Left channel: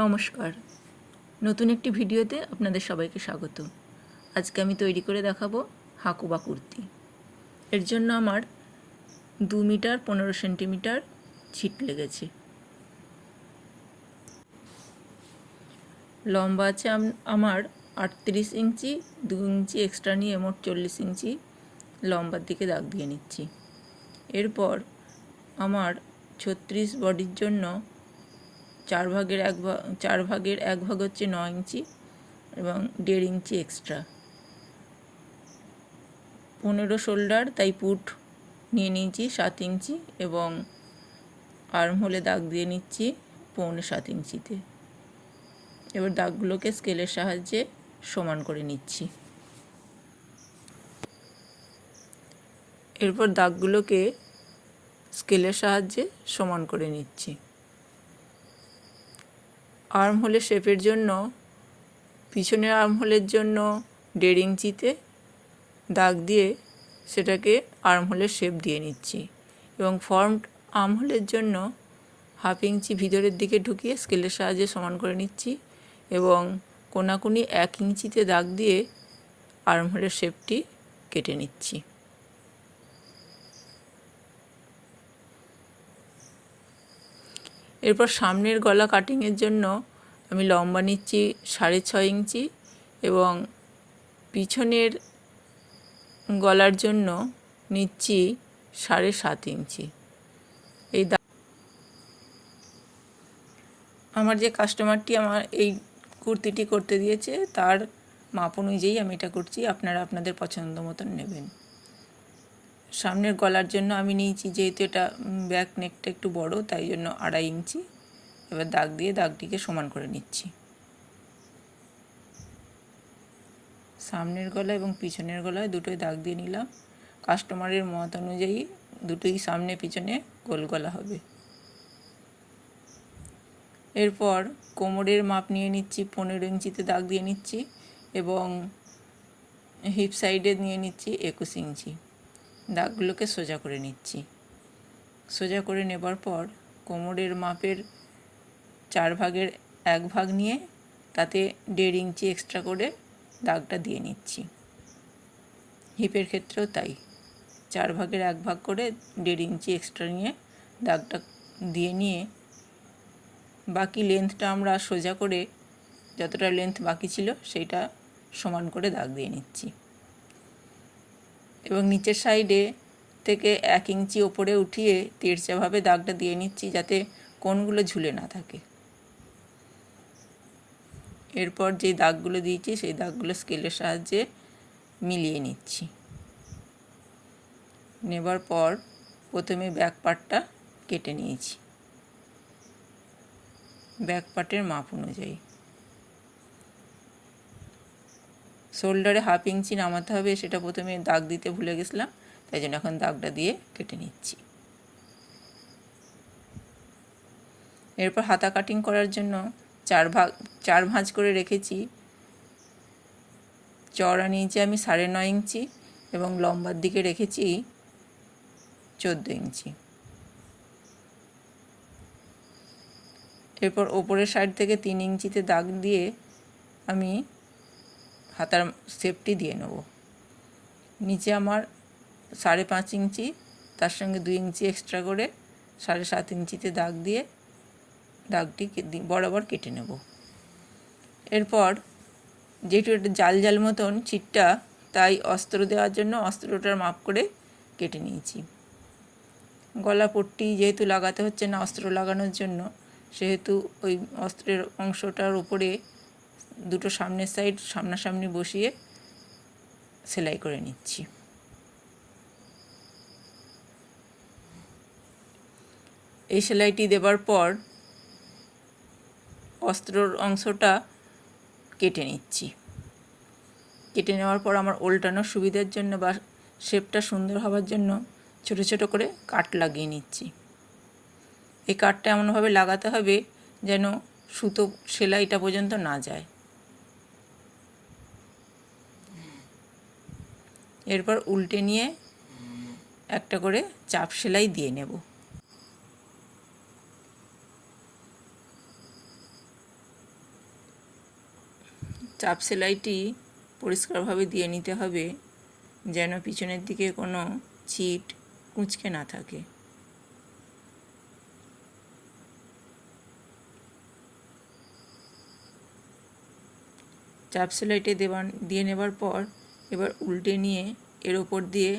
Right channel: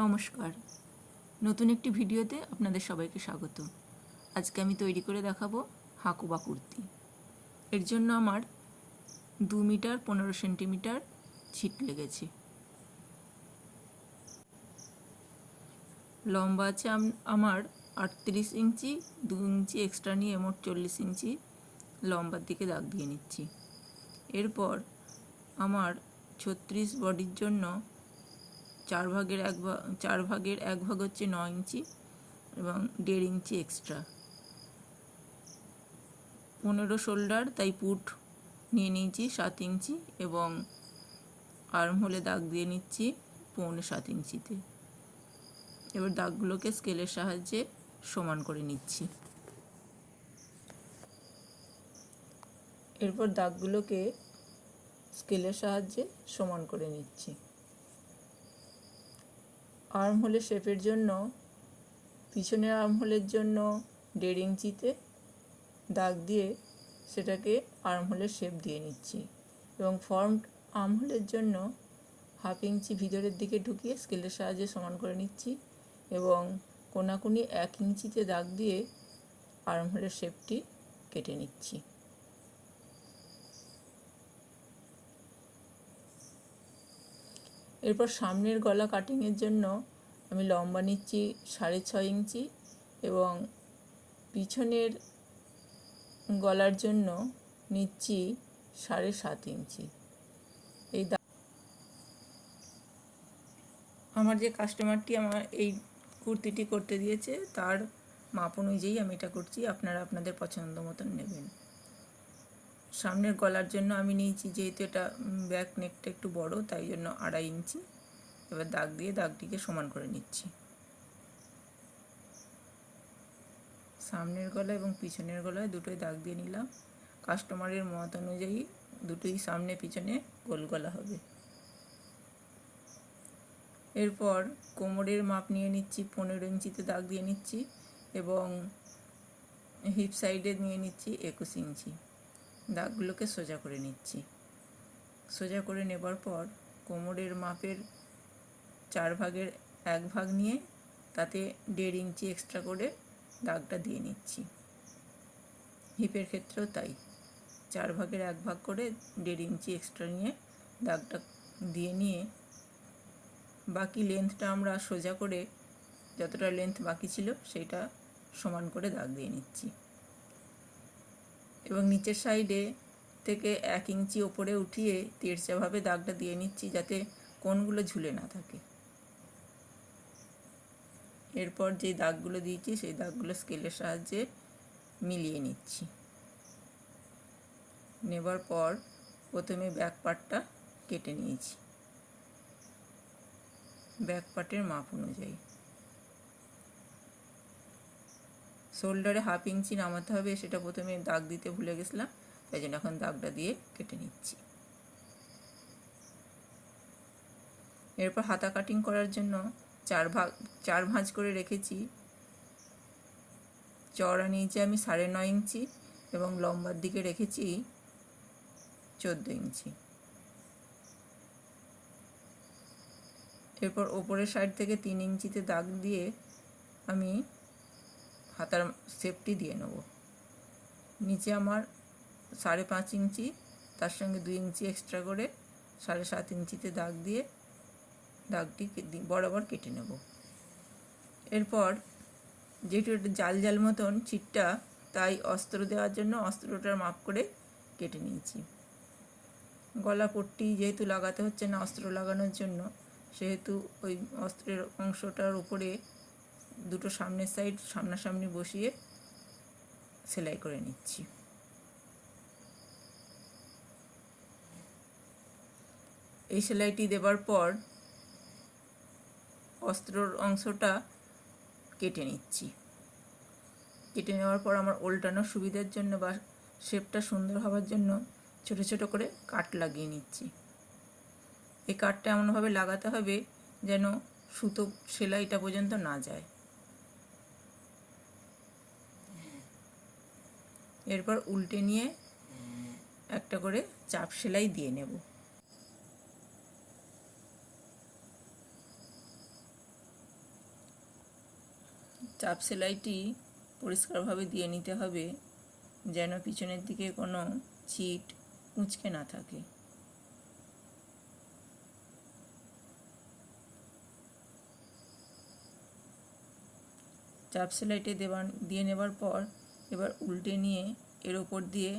নমস্কার, নতুন একটি ভিডিওতে আপনাদের সবাইকে স্বাগত। আজকে আমি তৈরি করে দেখাবো হাকুবা কুর্তি। এর জন্য আমার 2 মিটার 15 সেন্টিমিটার ছিট লেগেছে। লম্বা আছে আমার 38 ইঞ্চি, 2 ইঞ্চি এক্সট্রা নিয়ে মোট 40 ইঞ্চি লম্বার দিকে দাগ দিয়ে নিচ্ছি। এরপর আমার 36 বডির জন্য 4 ভাগের এক ভাগ হচ্ছে 9 ইঞ্চি এবং 1.5 ইঞ্চি এক্সট্রা। 15 শোল্ডার, তাই পুট নিয়ে নিয়েছি 7 ইঞ্চি এবং আর্ম হোলে দাগ দিয়ে নিচ্ছি 6.25 ইঞ্চিতে। এবার দাগগুলোকে স্কেলের সাহায্যে সমান করে নিচ্ছি। এরপর দাগগুলোকে স্কেলের সাহায্যে সমান করে নিচ্ছি। আর্ম হোলের শেপের জন্য পিছনের আর্ম হোলের জন্য 1.5 ইঞ্চিতে দাগ দিয়ে সেটাকে আর্ম হোলের শেপ দিয়ে নিচ্ছি এবং ফর্মড আর্ম হোলের জন্য 1/2 ইঞ্চি ভিতরের দিকে ঢুকিয়ে স্কেলের সাহায্যে সমান করে নিচ্ছি এবং কোনাকুনি 1 ইঞ্চিতে দাগ দিয়ে আর্ম হোলের শেপটি কেটে নিচ্ছি। এরপর সামনের গলা কাটিংয়ের জন্য আমি লম্বা নিচ্ছি 6.5 ইঞ্চি এবং পিছনের গলার জন্য নিচ্ছি 7.5 ইঞ্চি। এই আমার যে কাস্টমারটি আমার এই কুর্তিটি করতে দিয়েছে তার মাপ অনুযায়ী আমি এটা করছি, আপনারা আপনাদের পছন্দ মতন নেবেন। সামনের গলার জন্য আমি নিয়েছি, যেহেতু এটা ব্যাক নেকটা একটু বড়, তাই জন্য 2.5 ইঞ্চি। এবার দাগ দিয়ে দাগটিকে সমান করে নিচ্ছি। সামনের গলা এবং পিছনের গলায় দুটোই দাগ দিয়ে নিলাম। কাস্টমারের মত অনুযায়ী দুটোই সামনে পিছনে গোল গলা হবে। এরপর কোমরের মাপ নিয়ে নিচ্ছি, 15 ইঞ্চিতে দাগ দিয়ে নিচ্ছি এবং হিপ সাইডে নিয়ে নিচ্ছি 21 ইঞ্চি। দাগগুলোকে সোজা করে নিচ্ছি। সোজা করে নেবার পর কোমরের মাপের 4 ভাগের 1 ভাগ নিয়ে তাতে 1.5 ইঞ্চি এক্সট্রা করে দাগটা দিয়ে নিচ্ছি। হিপের ক্ষেত্রেও তাই, 4 ভাগের 1 ভাগ করে 1.5 ইঞ্চি এক্সট্রা নিয়ে দাগটা দিয়ে নিয়ে বাকি লেন্থটা আমরা সোজা করে যতটা লেন্থ বাকি ছিল সেইটা সমান করে দাগ দিয়ে নিচ্ছি এবং নিচের সাইডে থেকে 1 ইঞ্চি ওপরে উঠিয়ে তেড়চাভাবে দাগটা দিয়ে নিচ্ছি যাতে কোণগুলো ঝুলে না থাকে। এরপর যে দাগগুলো দিয়েছি সেই দাগগুলো স্কেলের সাহায্যে মিলিয়ে নিচ্ছি। নেবার পর প্রথমে ব্যাক পার্টটা কেটে নিয়েছি ব্যাক পার্টের মাপ অনুযায়ী। শোল্ডারে 1/2 ইঞ্চি নামাতে হবে, সেটা প্রথমে দাগ দিতে ভুলে গেছিলাম, তাই জন্য এখন দাগটা দিয়ে কেটে নিচ্ছি। এরপর হাতা কাটিং করার জন্য 4 ভাঁজ করে রেখেছি। চওড়া নিয়েছি আমি 9.5 ইঞ্চি এবং লম্বার দিকে রেখেছি 14 ইঞ্চি। এরপর ওপরের সাইড থেকে 3 ইঞ্চিতে দাগ দিয়ে আমি হাতার শেপটি দিয়ে নেব। নিচে আমার 5.5 ইঞ্চি, তার সঙ্গে 2 ইঞ্চি এক্সট্রা করে 7.5 ইঞ্চিতে দাগ দিয়ে দাগটি বরাবর কেটে নেব। এরপর যেহেতু এটা জাল জাল মতন ছিটটা, তাই অস্ত্র দেওয়ার জন্য অস্ত্রটার মাপ করে কেটে নিয়েছি। গলা পট্টি যেহেতু লাগাতে হচ্ছে না অস্ত্র লাগানোর জন্য, সেহেতু ওই অস্ত্রের অংশটার উপরে দুটো সামনের সাইড সামনাসামনি বসিয়ে সেলাই করে নিচ্ছি। এই সেলাইটি দেবার পর অস্ত্রর অংশটা কেটে নিচ্ছি। কেটে নেওয়ার পর আমার উল্টানোর সুবিধার জন্য বা শেপটা সুন্দর হওয়ার জন্য ছোট ছোট করে কাট লাগিয়ে নিচ্ছি। এই কাটটা এমনভাবে লাগাতে হবে যেন সুতো সেলাইটা পর্যন্ত না যায়। এরপর উল্টে নিয়ে একটা করে চাপ সেলাই দিয়ে নেব। চাপ সেলাইটি পরিষ্কারভাবে দিয়ে নিতে হবে, যেন পিছনের দিকে কোনো ছিট কুঁচকে না থাকে। চাপ সেলাইটি দিয়ে নেবার পর এবার উল্টে নিয়ে এর ওপর দিয়ে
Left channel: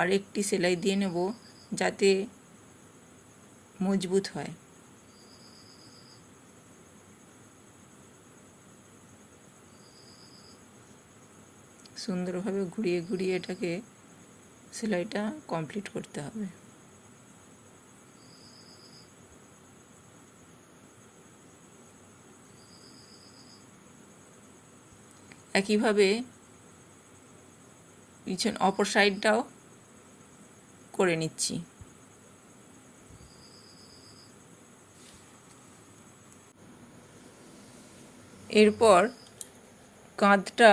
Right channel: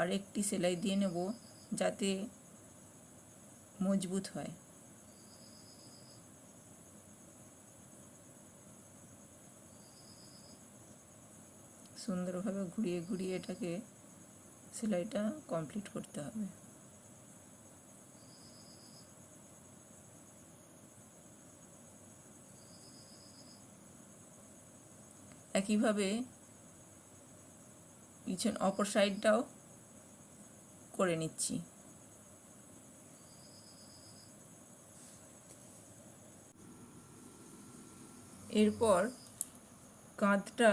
আরেকটি সেলাই দিয়ে নেব, যাতে মজবুত হয়। সুন্দরভাবে ঘুরিয়ে ঘুরিয়ে এটাকে সেলাইটা কমপ্লিট করতে হবে। একইভাবে পিছন অপর সাইডটাও করে নিচ্ছি। এরপর কাঁধটা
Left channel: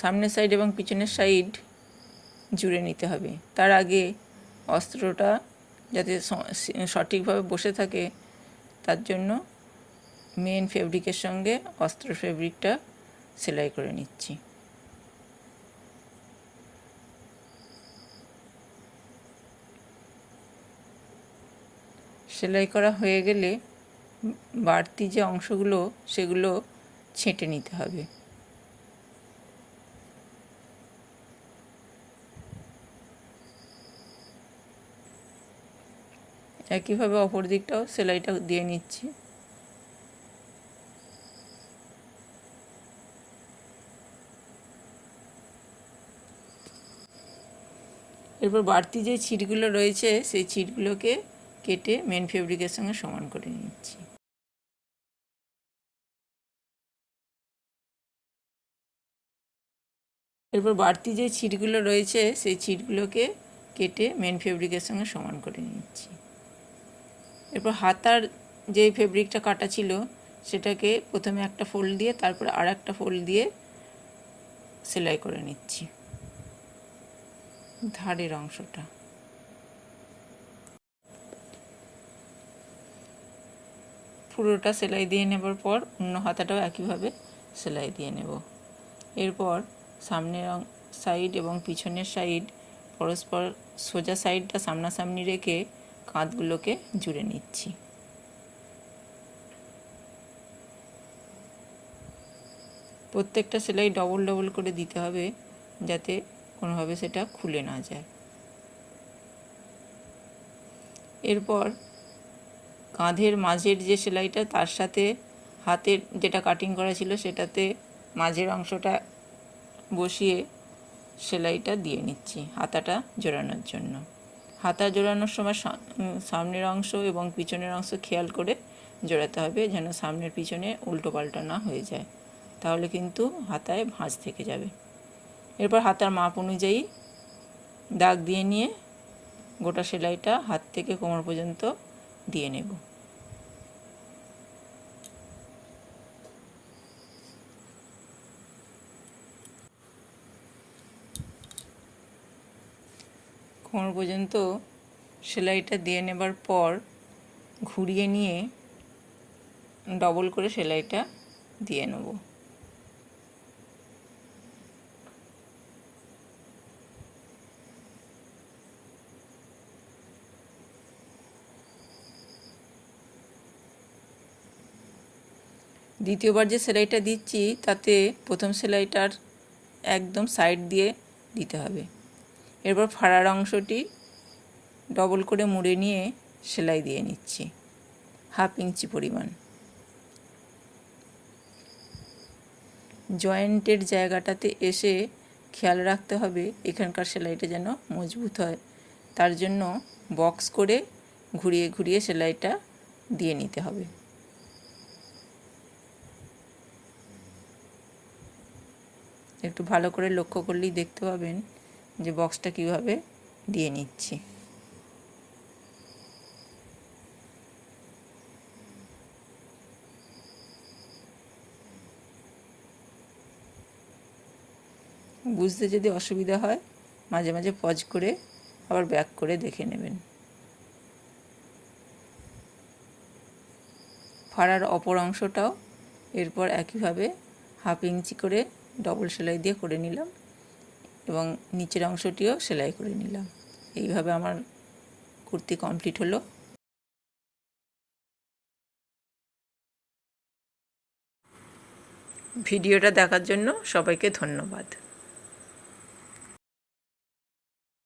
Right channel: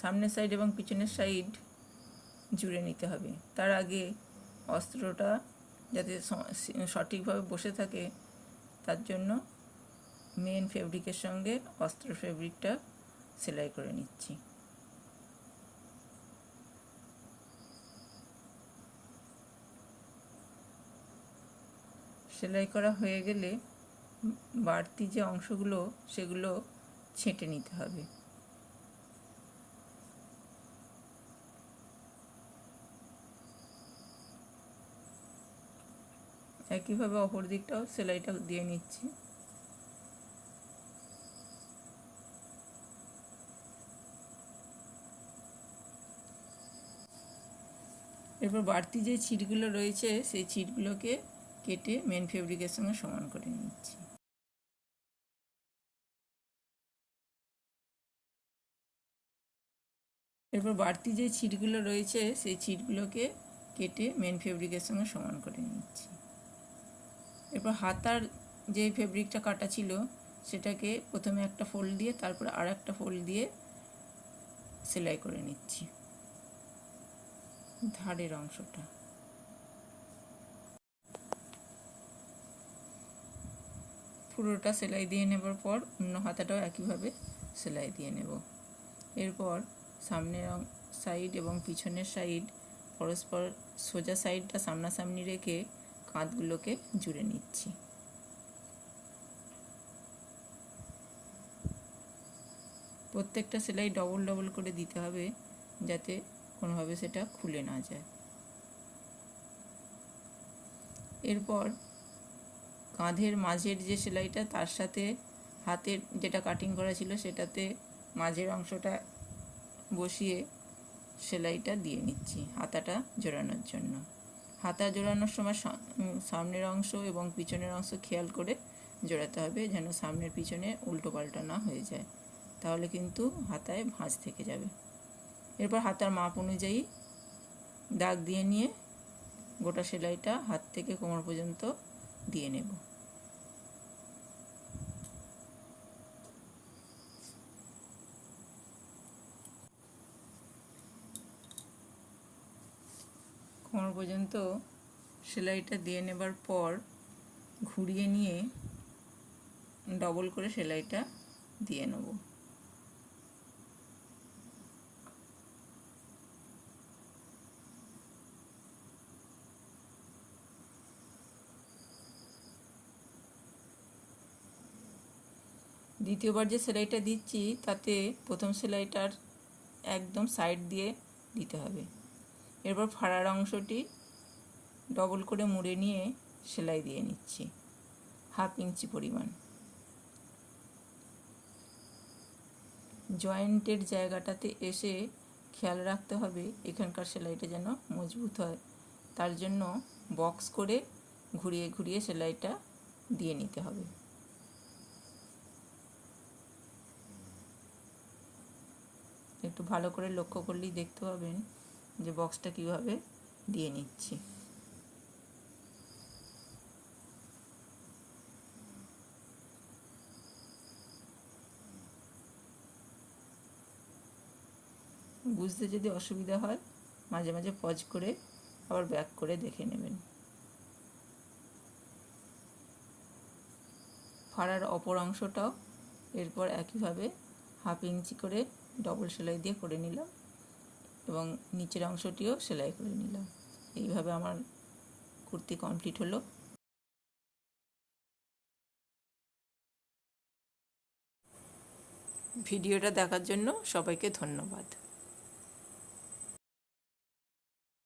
সামনের সাইড এবং পিছনের সাইড জুড়ে নিতে হবে। তার আগে অস্ত্রটা যাতে সঠিকভাবে বসে থাকে, তার জন্য মেন ফেব্রিকের সঙ্গে অস্ত্র ফেব্রিকটা সেলাই করে নিচ্ছি। সেলাই করা হয়ে গেলে বাড়তি যে অংশগুলো সেগুলো ছেঁটে নিতে হবে। একইভাবে অপর দিকটাও সেলাইটা দিয়ে নিচ্ছি। এরপর বাড়তি যে ছিটগুলো রয়েছে সেই ছিটগুলোকে কেটে মেন ফেব্রিকের সঙ্গে সমান করে নিচ্ছি। এরপর বাড়তি যে ছিটগুলো রয়েছে সেই ছিটগুলোকে কেটে মেন ফেব্রিকের সঙ্গে সমান করে নিচ্ছি। এরপর হাতার যে ফেব্রিকটা কাটা ছিল সেটাকে প্রথমে একটা ফোল্ড দিয়ে তারপর আর একটা ফোল্ড দিয়ে সেলাই করে নিচ্ছি ধারের অংশটা। পুরোটা সেলাই দিয়ে নেবার পর অন্য হাতাটাও একইভাবে সেলাই দিয়ে নেব। এরপর সামনের সাইড এবং পিছনের সাইড পরস্পর সোজা সাইডটা সামনাসামনি রেখে কাঁধগুলোকে জুড়ে নিচ্ছি। প্রত্যেকটা সেলাই ডবল ডবল করে দিতে হবে, যাতে কোনোভাবে সেটা খুলে না যায়। এরপর কাঁধের মাঝের যে সেলাইটা তার সাথে হাতের যেটা কাটিং করা ছিল সেটাতে মাঝের অংশটা বসিয়ে সেলাইটা দিয়ে নিচ্ছি হাতাটা জোড়ানোর জন্য। হাতা জোড়ানোর সময় সামনের অংশ এবং পিছনের অংশ খেয়াল করে জোড়াতে হবে, যেন সামনের পিছনে উল্টো পাল্টা না হয়ে যায়, তাহলে কিন্তু হাতায় ভাঁজ থেকে যাবে। এরপর হাতার মাপ অনুযায়ী দাগ দিয়ে নিয়ে গোটা সেলাইটা হাত থেকে কোমর পর্যন্ত দিয়ে নেব। কোমর পর্যন্ত সেলাইটা দিয়ে নেবার পর ঘুরিয়ে নিয়ে ডবল করে সেলাইটা দিয়ে নেব। দ্বিতীয়বার যে সেলাইটা দিচ্ছি তাতে প্রথম সেলাইটার একদম সাইড দিয়ে দিতে হবে। এরপর ফাড়ার অংশটি ডবল করে মুড়ে নিয়ে সেলাই দিয়ে নিচ্ছি 1/2 ইঞ্চি পরিমাণ। জয়েন্টের জায়গাটাতে এসে খেয়াল রাখতে হবে এখানকার সেলাইটা যেন মজবুত হয়, তার জন্য বক্স করে ঘুরিয়ে ঘুরিয়ে সেলাইটা দিয়ে নিতে হবে। একটু ভালো করে লক্ষ্য করলেই দেখতে পাবেন যে বক্সটা কীভাবে দিয়ে নিচ্ছি। বুঝতে যদি অসুবিধা হয় মাঝে মাঝে পজ করে আবার ব্যাক করে দেখে নেবেন। ফাড়ার অপর অংশটাও এরপর একইভাবে 1/2 ইঞ্চি করে ডবল সেলাই দিয়ে করে নিলাম এবং নিচের অংশটিও সেলাই করে নিলাম। এইভাবে আমার কুর্তি কমপ্লিট হলো। ভিডিওটা দেখার জন্য সবাইকে ধন্যবাদ।